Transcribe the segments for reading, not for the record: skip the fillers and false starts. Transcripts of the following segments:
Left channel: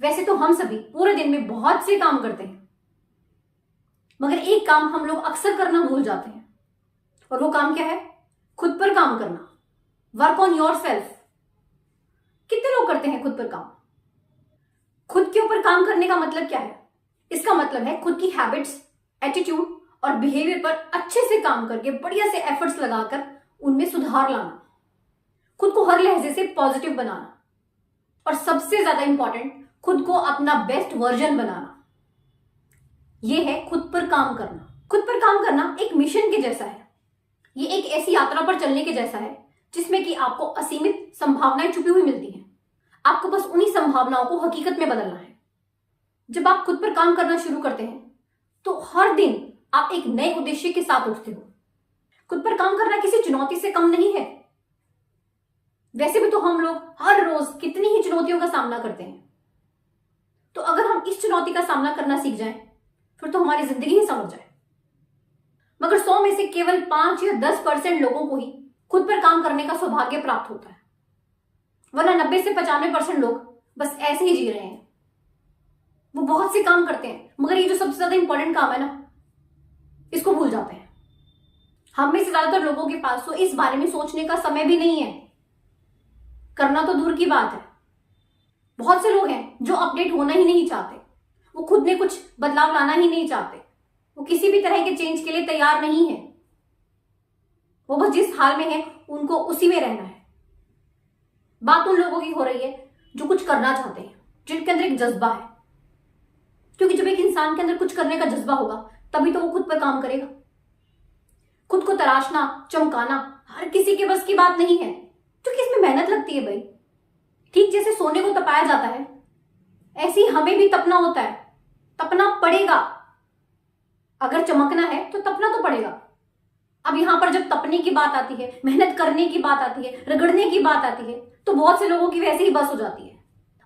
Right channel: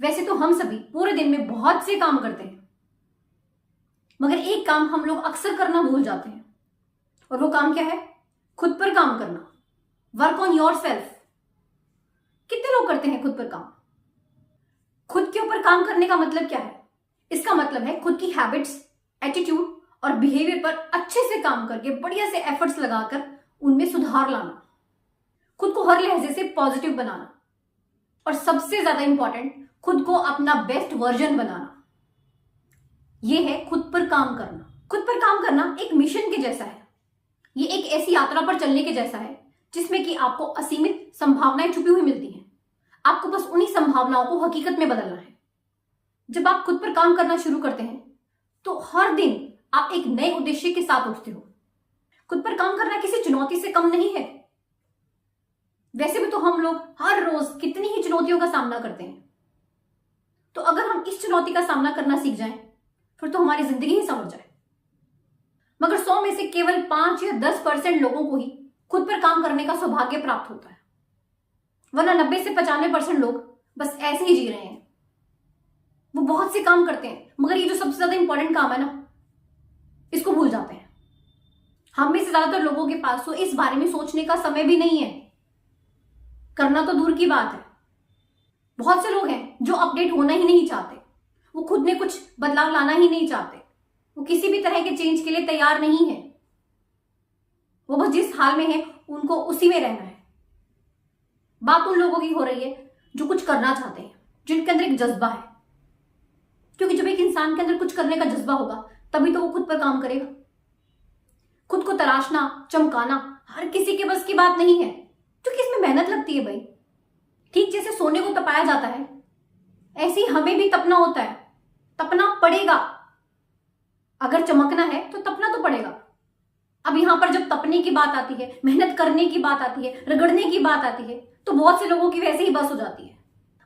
वैसे तो हम सभी पूरे दिन में बहुत से काम करते हैं, मगर एक काम हम लोग अक्सर करना भूल जाते हैं, और वो काम क्या है? खुद पर काम करना। Work on your self. कितने लोग करते हैं खुद पर काम? खुद के ऊपर काम करने का मतलब क्या है? इसका मतलब है खुद की हैबिट्स, एटीट्यूड और बिहेवियर पर अच्छे से काम करके बढ़िया से एफर्ट्स लगाकर उनमें सुधार लाना, खुद को हर लहजे से पॉजिटिव बनाना, और सबसे ज्यादा इंपॉर्टेंट, खुद को अपना बेस्ट वर्जन बनाना। यह है खुद पर काम करना। खुद पर काम करना एक मिशन के जैसा है। ये एक ऐसी यात्रा पर चलने के जैसा है जिसमें कि आपको असीमित संभावनाएं छुपी हुई मिलती हैं। आपको बस उन्हीं संभावनाओं को हकीकत में बदलना है। जब आप खुद पर काम करना शुरू करते हैं तो हर दिन आप एक नए उद्देश्य के साथ उठते हो। खुद पर काम करना किसी चुनौती से कम नहीं है। वैसे भी तो हम लोग हर रोज कितनी ही चुनौतियों का सामना करते हैं, तो अगर हम इस चुनौती का सामना करना सीख जाएं, फिर तो हमारी जिंदगी ही संवर जाए। मगर 100 में से केवल 5 या 10% लोगों को ही खुद पर काम करने का सौभाग्य प्राप्त होता है, वरना 90 से 95% लोग बस ऐसे ही जी रहे हैं। वो बहुत से काम करते हैं, मगर ये जो सबसे ज्यादा इंपॉर्टेंट काम है ना, इसको भूल जाते हैं। हम में से ज्यादातर लोगों के पास तो इस बारे में सोचने का समय भी नहीं है, करना तो दूर की बात है। बहुत से लोग हैं जो अपडेट होना ही नहीं चाहते, वो खुद में कुछ बदलाव लाना ही नहीं चाहते, वो किसी भी तरह के चेंज के लिए तैयार नहीं है। वो बस जिस हाल में है उनको उसी में रहना है। बात उन लोगों की हो रही है जो कुछ करना चाहते हैं, जिनके अंदर एक जज्बा है, क्योंकि जब एक इंसान के अंदर कुछ करने का जज्बा होगा तभी तो वो खुद पर काम करेगा। खुद को तराशना, चमकाना हर किसी के बस की बात नहीं है, क्योंकि इसमें मेहनत लगती है भाई। ठीक जैसे सोने को तपाया जाता है, ऐसे ही हमें भी तपना होता है, तपना पड़ेगा। अगर चमकना है तो तपना तो पड़ेगा। अब यहां पर जब तपने की बात आती है, मेहनत करने की बात आती है, रगड़ने की बात आती है, तो बहुत से लोगों की वैसे ही बस हो जाती है,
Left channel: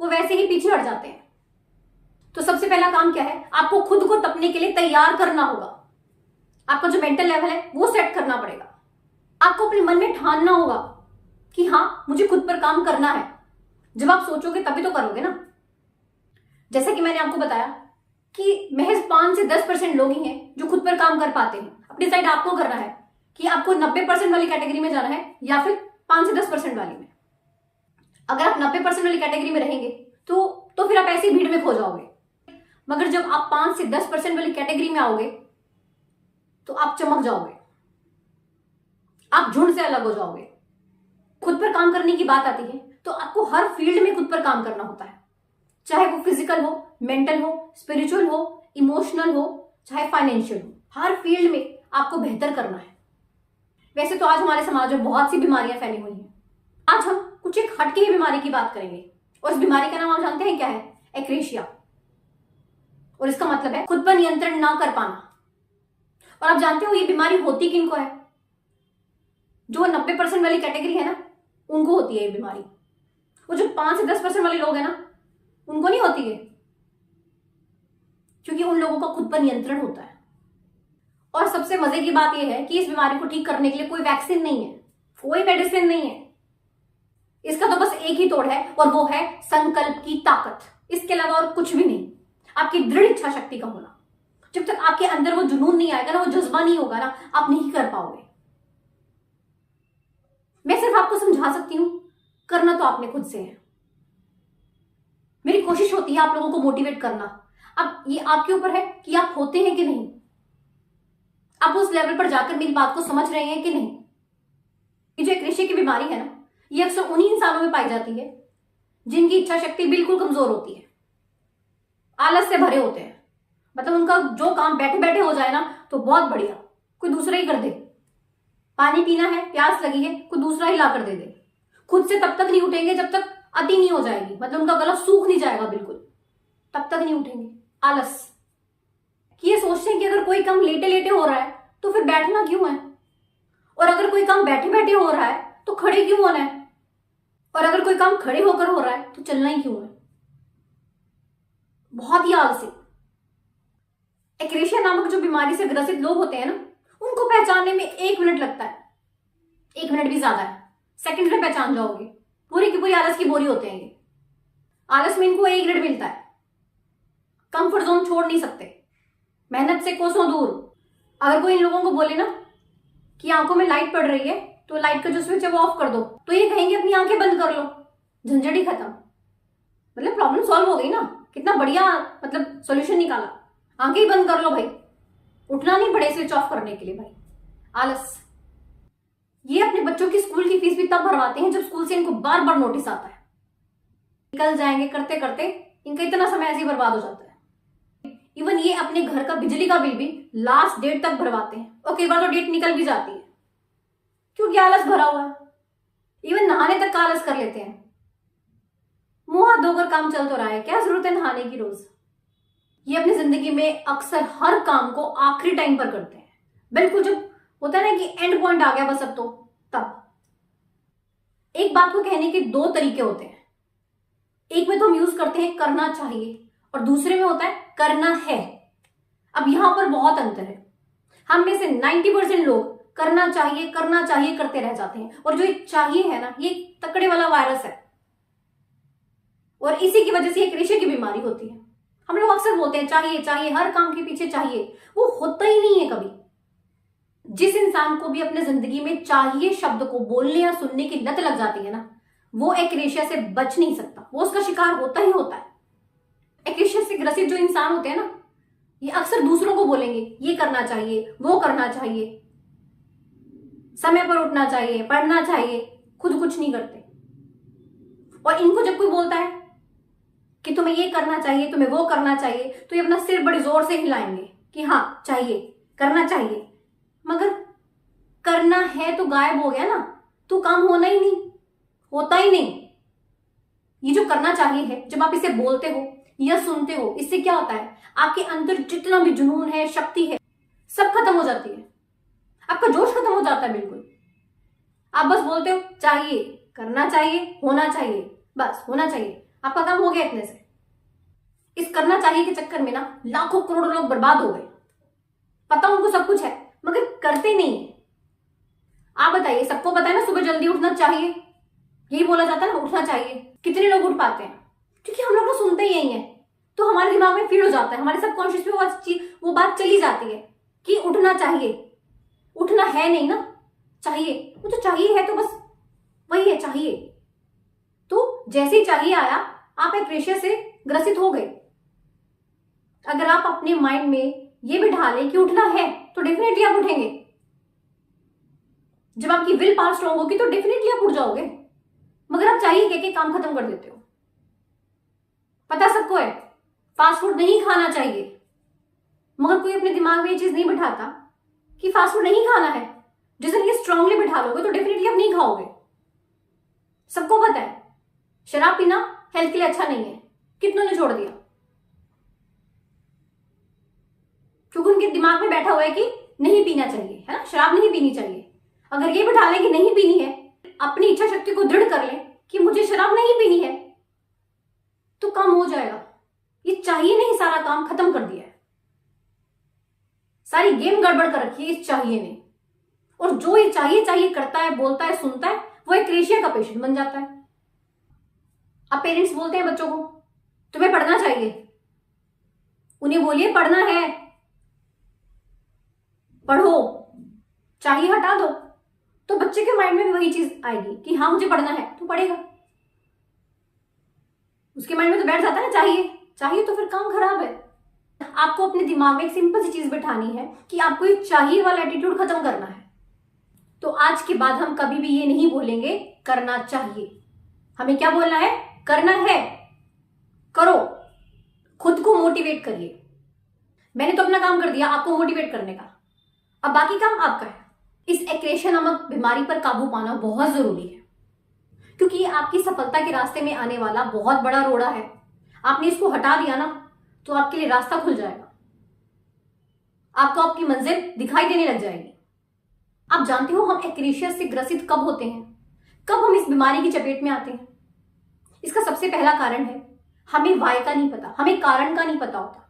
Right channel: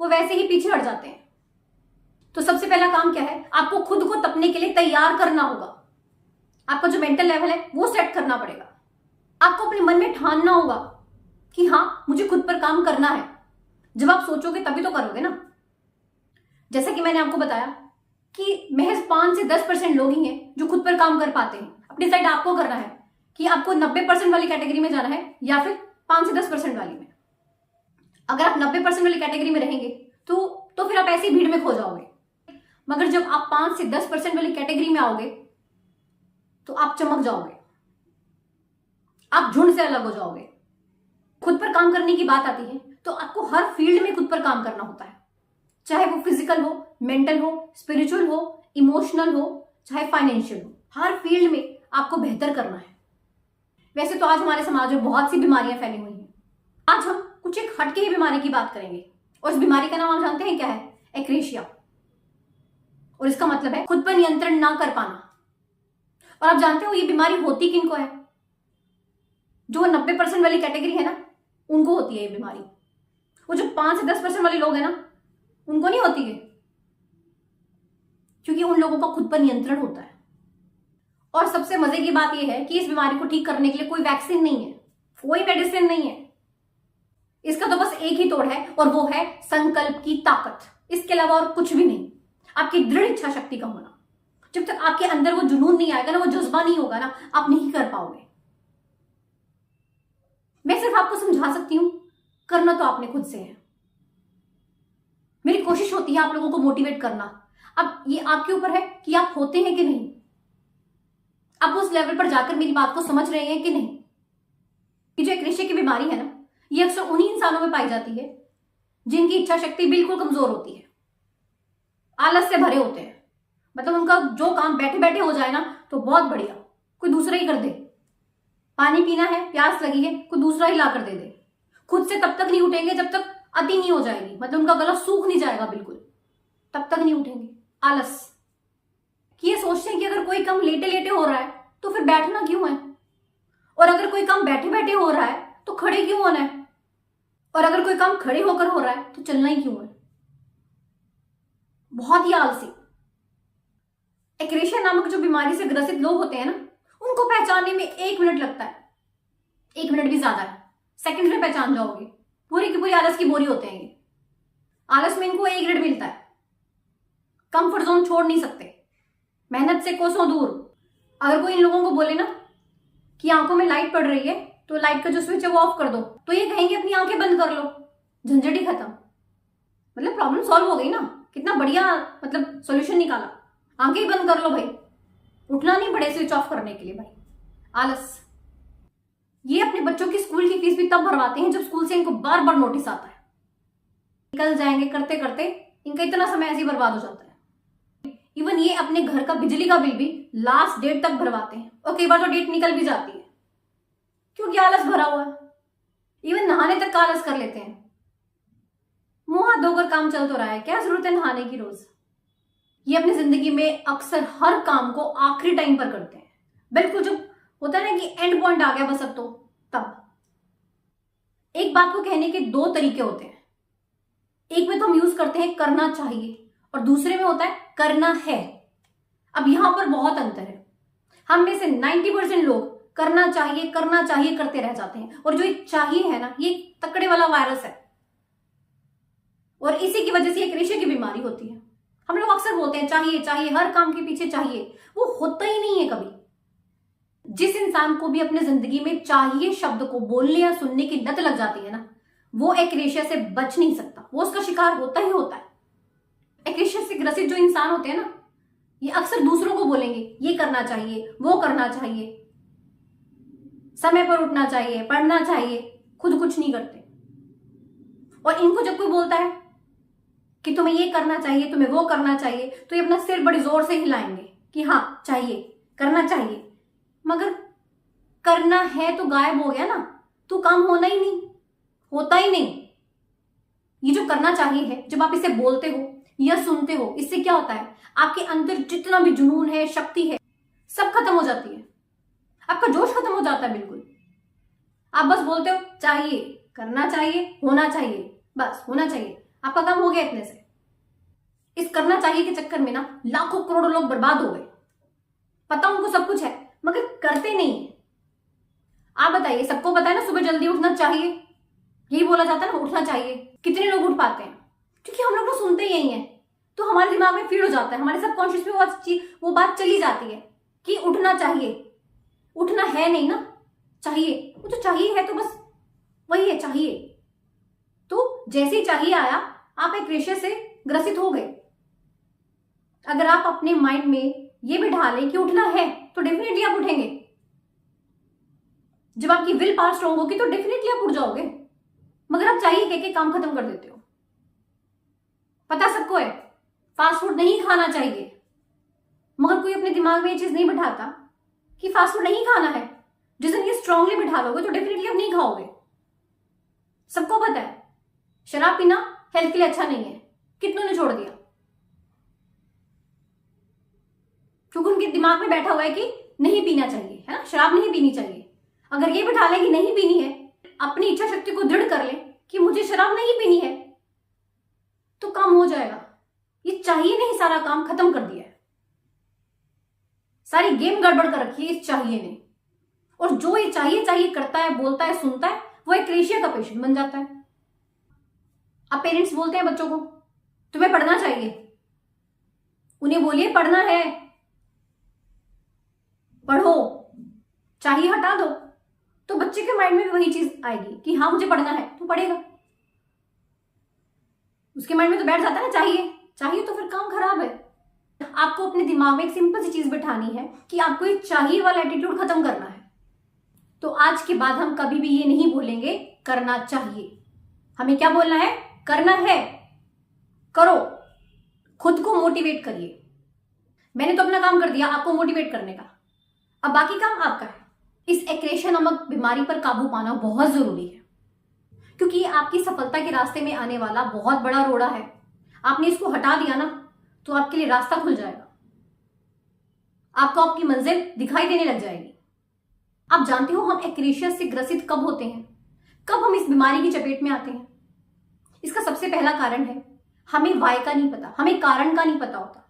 वो वैसे ही पीछे हट जाते हैं। तो सबसे पहला काम क्या है? आपको खुद को तपने के लिए तैयार करना होगा। आपका जो मेंटल लेवल है वो सेट करना पड़ेगा। आपको अपने मन में ठानना होगा कि हाँ, मुझे खुद पर काम करना है। जब आप सोचोगे तभी तो करोगे ना। जैसा कि मैंने आपको बताया कि महज 5 से 10% लोग ही हैं जो खुद पर काम कर पाते हैं। अब डिसाइड आपको करना है कि आपको 90% वाली कैटेगरी में जाना है या फिर 5 से 10% वाली में। अगर आप 90% वाली कैटेगरी में रहेंगे तो फिर आप ऐसी भीड़ में खो जाओगे। मगर जब आप 5 से 10% वाली कैटेगरी में आओगे तो आप चमक जाओगे, आप झुंड से अलग हो जाओगे। खुद पर काम करने की बात आती है तो आपको हर फील्ड में खुद पर काम करना होता है, चाहे वो फिजिकल हो, मेंटल हो, स्पिरिचुअल हो, इमोशनल हो, चाहे फाइनेंशियल हो। हर फील्ड में आपको बेहतर करना है। वैसे तो आज हमारे समाज में बहुत सी बीमारियां फैली हुई हैं। आज हम कुछ एक हटके ही बीमारी की बात करेंगे, और इस बीमारी का नाम आप जानते हैं क्या है? एक्रेशिया। और इसका मतलब है खुद पर नियंत्रण ना कर पाना। और आप जानते हो ये बीमारी होती किनको है? जो 90% वाली कैटेगरी है ना, उनको होती है ये बीमारी। वो जो 5 से 10% वाले लोग हैं ना, उनको नहीं होती है, क्योंकि उन लोगों का खुद पर नियंत्रण होता है। और सबसे मजे की बात यह है कि इस बीमारी को ठीक करने के लिए कोई वैक्सीन नहीं है, कोई मेडिसिन नहीं है। इसका तो बस एक ही तोड़ है, और वो है संकल्प की ताकत। इसके अलावा और कुछ भी नहीं। आपकी दृढ़ इच्छा शक्ति का होना। जब तक आपके अंदर वो जुनून नहीं आएगा ना, वो जज्बा नहीं होगा ना, आप नहीं कर पाओगे। मैं सिर्फ आपको समझा सकती हूं, करना तो आपने खुद से है। मेरी कोशिश होती है आप लोगों को मोटिवेट करना। अब ये आपके ऊपर है कि आप होते हैं कि नहीं, आप उस लेवल पर जाकर मेरी बात को समझ रहे हैं कि नहीं। ये जो एक्रेशिया की बीमारी है ना, ये अक्सर उन्हीं इंसानों में पाई जाती है जिनकी इच्छा शक्ति बिल्कुल कमजोर होती है, आलस से भरे होते हैं। मतलब उनका जो काम बैठे बैठे हो जाए ना तो बहुत बढ़िया, कोई दूसरा ही कर दे। पानी पीना है, प्यास लगी है, कोई दूसरा ही ला कर दे दे। खुद से तब तक नहीं उठेंगे जब तक अति नहीं हो जाएगी, मतलब उनका गला सूख नहीं जाएगा बिल्कुल, तब तक नहीं उठेंगे। आलस कि ये सोचते हैं कि अगर कोई काम लेटे लेटे हो रहा है तो फिर बैठना क्यों है, और अगर कोई काम बैठे बैठे हो रहा है तो खड़े क्यों होना है, और अगर कोई काम खड़े होकर हो रहा है तो चलना ही क्यों है। बहुत ही आलसी। एक्रेशिया नामक जो बीमारी से ग्रसित लोग होते हैं ना, उनको पहचानने में 1 मिनट लगता है। 1 मिनट भी ज्यादा है, सेकंड में पहचान जाओगे। पूरी की पूरी आलस की बोरी होते हैं ये। आलस में इनको A ग्रेड मिलता है। कंफर्ट जोन छोड़ नहीं सकते, मेहनत से कोसों दूर। अगर कोई इन लोगों को बोले ना कि आंखों में लाइट पड़ रही है तो लाइट का जो स्विच है वो ऑफ कर दो, तो ये कहेंगे अपनी आंखें बंद कर लो, झंझट ही खत्म। मतलब प्रॉब्लम सॉल्व हो गई ना, कितना बढ़िया मतलब सॉल्यूशन निकाला। आंखें ही बंद कर लो भाई, उठना नहीं पड़े स्विच ऑफ करने के लिए भाई। आलस। ये अपने बच्चों की स्कूल की फीस भी तब भरवाते हैं जब स्कूल से इनको बार बार नोटिस आता है। निकल जाएंगे करते करते इनका इतना समय ऐसे ही बर्बाद हो जाता है। इवन ये अपने घर का बिजली का बिल भी लास्ट डेट तक भरवाते हैं, और कई बार तो डेट निकल भी जाती है क्योंकि आलस भरा हुआ है। इवन नहाने तक का आलस कर लेते हैं। मुंह हाथ धोकर काम चल तो रहा है, क्या जरूरत है नहाने की रोज। ये अपनी जिंदगी में अक्सर हर काम को आखिरी टाइम पर करते हैं, बिल्कुल जब होता है ना कि एंड पॉइंट आ गया बस अब तो, तब। एक बात को कहने के दो तरीके होते हैं। एक में तो हम यूज करते हैं करना चाहिए, और दूसरे में होता है करना है। अब यहां पर बहुत अंतर है। हम में से 90% लोग करना चाहिए करते रह जाते हैं, और जो ये चाहिए है ना, ये तकड़े वाला वायरस है, और इसी की वजह से एक रेशे की बीमारी होती है। हम लोग अक्सर बोलते हैं चाहिए चाहिए, हर काम के पीछे चाहिए, वो होता ही नहीं है कभी। जिस इंसान को भी अपने जिंदगी में चाहिए शब्द को बोलने या सुनने की लत लग जाती है ना, वो एक्रेशिया से बच नहीं सकता, वो उसका शिकार होता ही होता है। एक्रेशिया से ग्रसित जो इंसान होते हैं ना, ये अक्सर दूसरों को बोलेंगे ये करना चाहिए, वो करना चाहिए, समय पर उठना चाहिए, पढ़ना चाहिए, खुद कुछ नहीं करते। और इनको जब कोई बोलता है कि तुम्हें ये करना चाहिए, तुम्हें वो करना चाहिए, तो ये अपना सिर बड़ी जोर से हिलाएंगे कि हाँ चाहिए, करना चाहिए। मगर करना है तो गायब हो गया ना, तो काम होना ही नहीं, होता ही नहीं। ये जो करना चाहिए है, जब आप इसे बोलते हो या सुनते हो, इससे क्या होता है, आपके अंदर जितना भी जुनून है, शक्ति है, सब खत्म हो जाती है। आपका जोश खत्म हो जाता है बिल्कुल। आप बस बोलते हो चाहिए, करना चाहिए, होना चाहिए, बस होना चाहिए, आपका काम हो गया इतने से। इस करना चाहिए के चक्कर में ना लाखों करोड़ों लोग बर्बाद हो गए। पता उनको सब कुछ है मगर करते नहीं है। आप बताइए, सबको पता है ना सुबह जल्दी उठना चाहिए, यही बोला जाता है ना उठना चाहिए। कितने लोग उठ पाते हैं? क्योंकि हम लोग तो सुनते ही यही है, तो हमारे दिमाग में फीड हो जाता है, हमारे सबकॉन्शियस में वो बात चली जाती है कि उठना चाहिए। उठना है नहीं ना, चाहिए। वो तो चाहिए है तो बस वही है, चाहिए। तो जैसे ही चाहिए आया, आप एक्रेशिया से ग्रसित हो गए। अगर आप अपने माइंड में ये बिठा लें कि उठना है, तो डेफिनेटली आप उठेंगे। जब आपकी विल पावर स्ट्रांग होगी तो डेफिनेटली आप उठ जाओगे। मगर आप चाहिए कह के काम खत्म कर देते हो। पता सबको है फास्ट फूड नहीं खाना चाहिए, मगर कोई अपने दिमाग में ये चीज नहीं बिठाता कि फास्ट फूड नहीं खाना है। जिस दिन ये स्ट्रांगली बिठा लोगे तो डेफिनेटली आप नहीं खाओगे। सबको पता है शराब पीना हेल्थ के लिए अच्छा नहीं है, कितनों ने छोड़ दिया क्योंकि उनके दिमाग में बैठा हुआ है कि नहीं पीना चाहिए, है ना, शराब नहीं पीनी चाहिए। अगर ये बिठा लें कि नहीं पीनी है, अपनी इच्छा शक्ति को दृढ़ कर लें कि मुझे शराब नहीं पीनी है, तो काम हो जाएगा। ये चाहिए नहीं, सारा काम खत्म कर दिया है, सारी गेम गड़बड़ कर रखी है इस चाहिए ने। और जो ये चाहिए चाहिए करता है, बोलता है, सुनता है, वो एक एक्रेशिया का पेशेंट बन जाता है। अब पेरेंट्स बोलते हैं बच्चों को तुम्हें पढ़ना चाहिए, उन्हें बोलिए पढ़ना है, पढ़ो, चाहिए हटा दो, तो बच्चे के माइंड में भी वही चीज आएगी कि हाँ मुझे पढ़ना है तो पढ़ेगा। उसके माइंड में तो बैठ जाता है ना चाहिए चाहिए, तो फिर काम खराब है। आपको अपने दिमाग में एक सिंपल सी चीज बिठानी है कि आपको ये चाहिए वाला एटीट्यूड खत्म करना है। तो आज के बाद हम कभी भी ये नहीं बोलेंगे करना चाहिए, हमें क्या बोलना है, करना है। करो, खुद को मोटिवेट करिए। मैंने तो अपना काम कर दिया आपको मोटिवेट करने का, अब बाकी काम आपका है। इस एक्रेशिया नामक बीमारी पर काबू पाना बहुत जरूरी है, क्योंकि ये आपकी सफलता के रास्ते में आने वाला बहुत बड़ा रोड़ा है। आपने इसको हटा दिया ना तो आपके लिए रास्ता खुल जाएगा, आपको आपकी मंजिल दिखाई देने लग जाएगी। आप जानते हो हम एक्रेशिया से ग्रसित कब होते हैं, कब हम इस बीमारी की चपेट में आते हैं? इसका सबसे पहला कारण है हमें वाय का नहीं पता, हमें कारण का नहीं पता होता।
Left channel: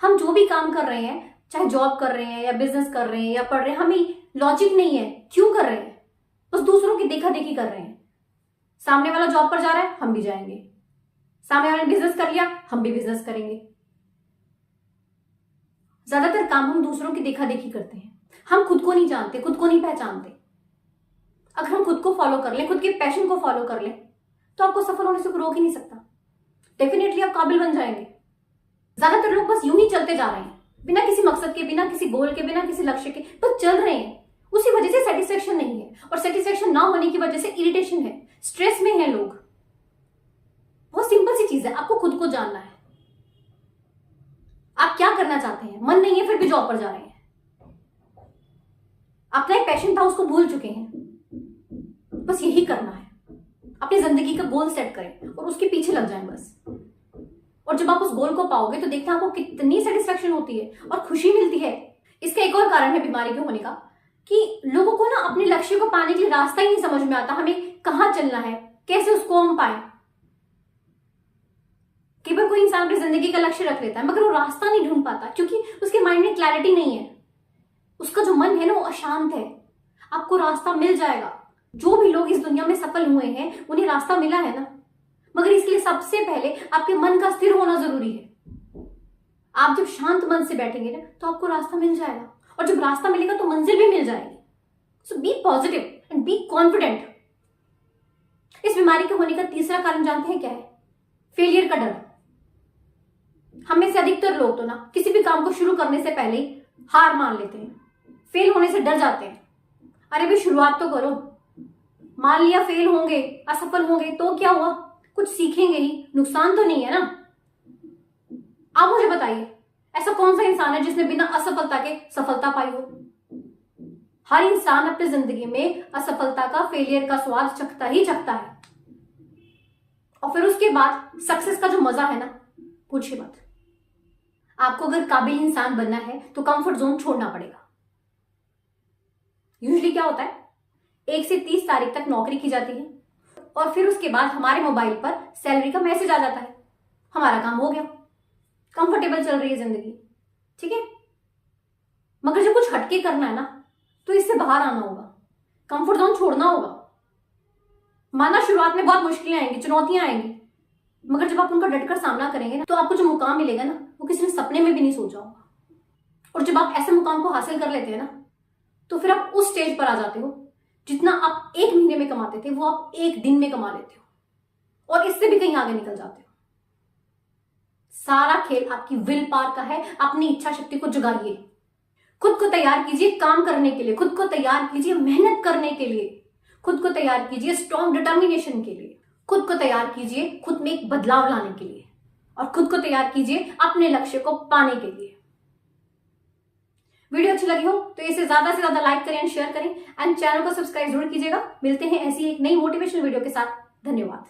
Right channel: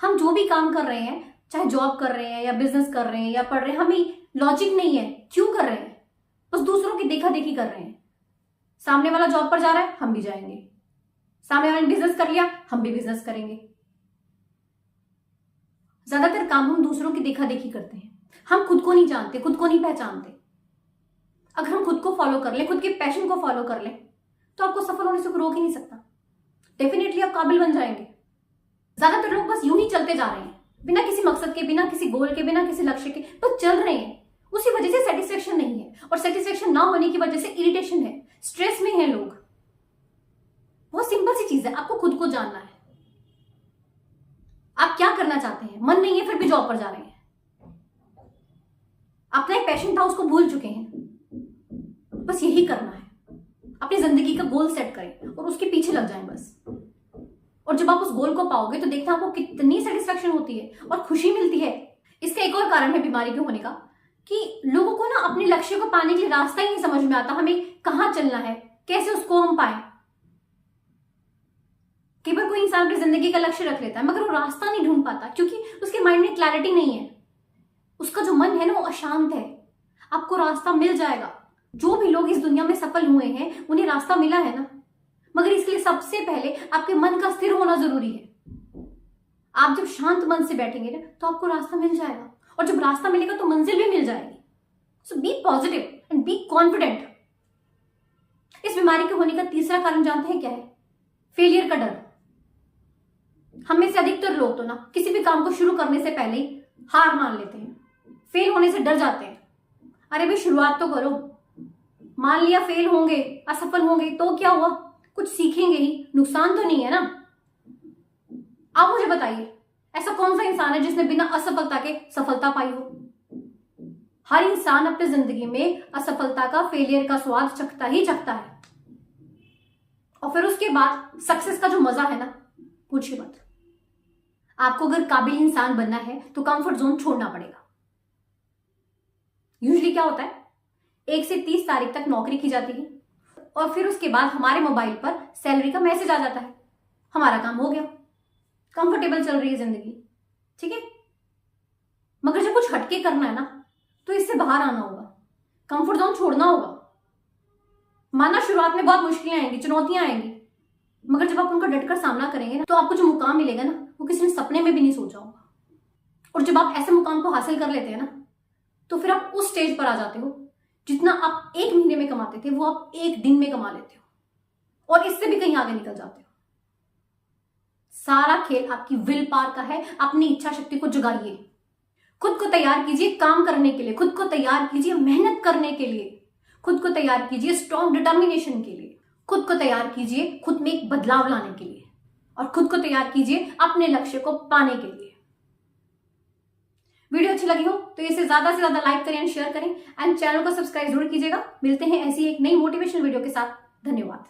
हम जो भी काम कर रहे हैं, चाहे जॉब कर रहे हैं या बिजनेस कर रहे हैं या पढ़ रहे हैं, हमें लॉजिक नहीं है क्यों कर रहे हैं, बस दूसरों की देखा देखी कर रहे हैं। सामने वाला जॉब पर जा रहा है हम भी जाएंगे, सामने वाले ने बिजनेस कर लिया, हम भी बिजनेस करेंगे। ज्यादातर काम हम दूसरों की देखा देखी करते हैं, हम खुद को नहीं जानते, खुद को नहीं पहचानते। अगर हम खुद को फॉलो कर ले, खुद के पैशन को फॉलो कर ले, तो आपको सफल होने से कोई रोक ही नहीं सकता। डेफिनेटली आप काबिल बन जाएंगे। ज्यादातर लोग बस यूं ही चलते जा रहे हैं, बिना किसी मकसद के, बिना किसी गोल के, बिना किसी लक्ष्य के, बस चल रहे हैं। उसी वजह से सेटिस्फेक्शन नहीं है, और सेटिस्फेक्शन ना होने की वजह से इरिटेशन है, स्ट्रेस में है लोग। बहुत सिंपल सी चीज है, आपको खुद को जानना है। आप क्या करना चाहते हैं? मन नहीं है फिर भी जॉब पर जा रहे हैं। अपना एक पैशन था, उसको भूल चुके हैं। बस यही करना है, अपनी जिंदगी का गोल सेट करें और उसके पीछे लग जाएं बस। और जब आप उस गोल को पाओगे तो देखना आपको कितनी सेटिस्फेक्शन होती है और खुशी मिलती है। इसका एक और कारण है बीमारी के होने का, कि लोगों को ना अपने लक्ष्य को पाने के लिए रास्ता ही नहीं समझ में आता, हमें कहां चलना है, कैसे उसको हम पाए। कई बार कोई इंसान अपनी जिंदगी का लक्ष्य रख लेता है, मगर वो रास्ता नहीं ढूंढ पाता, क्योंकि उसके माइंड में क्लैरिटी नहीं है। उसका जो मन है ना, वो अशांत है। आपको रास्ता मिल जाएगा। जो भी लोग इस दुनिया में सफल हुए हैं, उन्हें रास्ता मिला है ना, मगर इसके लिए सबसे पहले आपके मन का स्थिर होना जरूरी है। आप जब शांत मन से बैठेंगे ना, तो आपको रास्ता मिल जाएगा, और जब रास्ता मिलेगा तो मंजिल भी मिल जाएगी। So be positive and be confident. इस बीमारी के होने का तीसरा कारण जानते हैं क्या है? फेलियर का डर। हम में से अधिकतर लोग तो ना किसी भी काम को शुरू करने से पहले ही हार मान लेते हैं, फेल होने से डर जाते हैं। अरे भाई, शुरुआत तो करो। मान लिया फेल होंगे, असफल होंगे, तो क्या हुआ? कुछ सीखेंगे ही, नुकसान तो नहीं है ना। आप मुझे बताइए, ऐसा कौन सा इंसान है जिसने बिना असफलता के सफलता पाई हो? हर इंसान अपनी जिंदगी में असफलता का, फेलियर का स्वाद चखता ही चखता है। और फिर उसके बाद सक्सेस का जो मजा है ना, पूछिए मत। आपको अगर काबिल इंसान बनना है तो कंफर्ट जोन छोड़ना पड़ेगा। यूजुअली क्या होता है, 1 से 30 तारीख तक नौकरी की जाती है, और फिर उसके बाद हमारे मोबाइल पर सैलरी का मैसेज आ जाता है। हमारा काम हो गया, कंफर्टेबल चल रही है जिंदगी, ठीक है। मगर जब कुछ हटके करना है ना, तो इससे बाहर आना होगा, कंफर्ट जोन छोड़ना होगा। माना शुरुआत में बहुत मुश्किलें आएंगी, चुनौतियां आएंगी, मगर जब आप उनका डटकर सामना करेंगे ना, तो आपको जो मुकाम मिलेगा ना, वो किसी ने सपने में भी नहीं सोचा होगा। और जब आप ऐसे मुकाम को हासिल कर लेते हैं ना, तो फिर आप उस स्टेज पर आ जाते हो, जितना आप 1 महीने में कमाते थे, वो आप 1 दिन में कमा लेते हो, और इससे भी कहीं आगे निकल जाते हो। सारा खेल आपकी विल पावर का है। अपनी इच्छा शक्ति को जगाइए, खुद को तैयार कीजिए काम करने के लिए, खुद को तैयार कीजिए मेहनत करने के लिए, खुद को तैयार कीजिए स्ट्रॉन्ग डिटर्मिनेशन के लिए, खुद को तैयार कीजिए खुद में एक बदलाव लाने के लिए, और खुद को तैयार कीजिए अपने लक्ष्य को पाने के लिए। वीडियो अच्छी लगी हो तो इसे ज्यादा से ज्यादा लाइक करें एंड शेयर करें, एंड चैनल को सब्सक्राइब जरूर कीजिएगा। मिलते हैं ऐसी एक नई मोटिवेशनल वीडियो के साथ। धन्यवाद।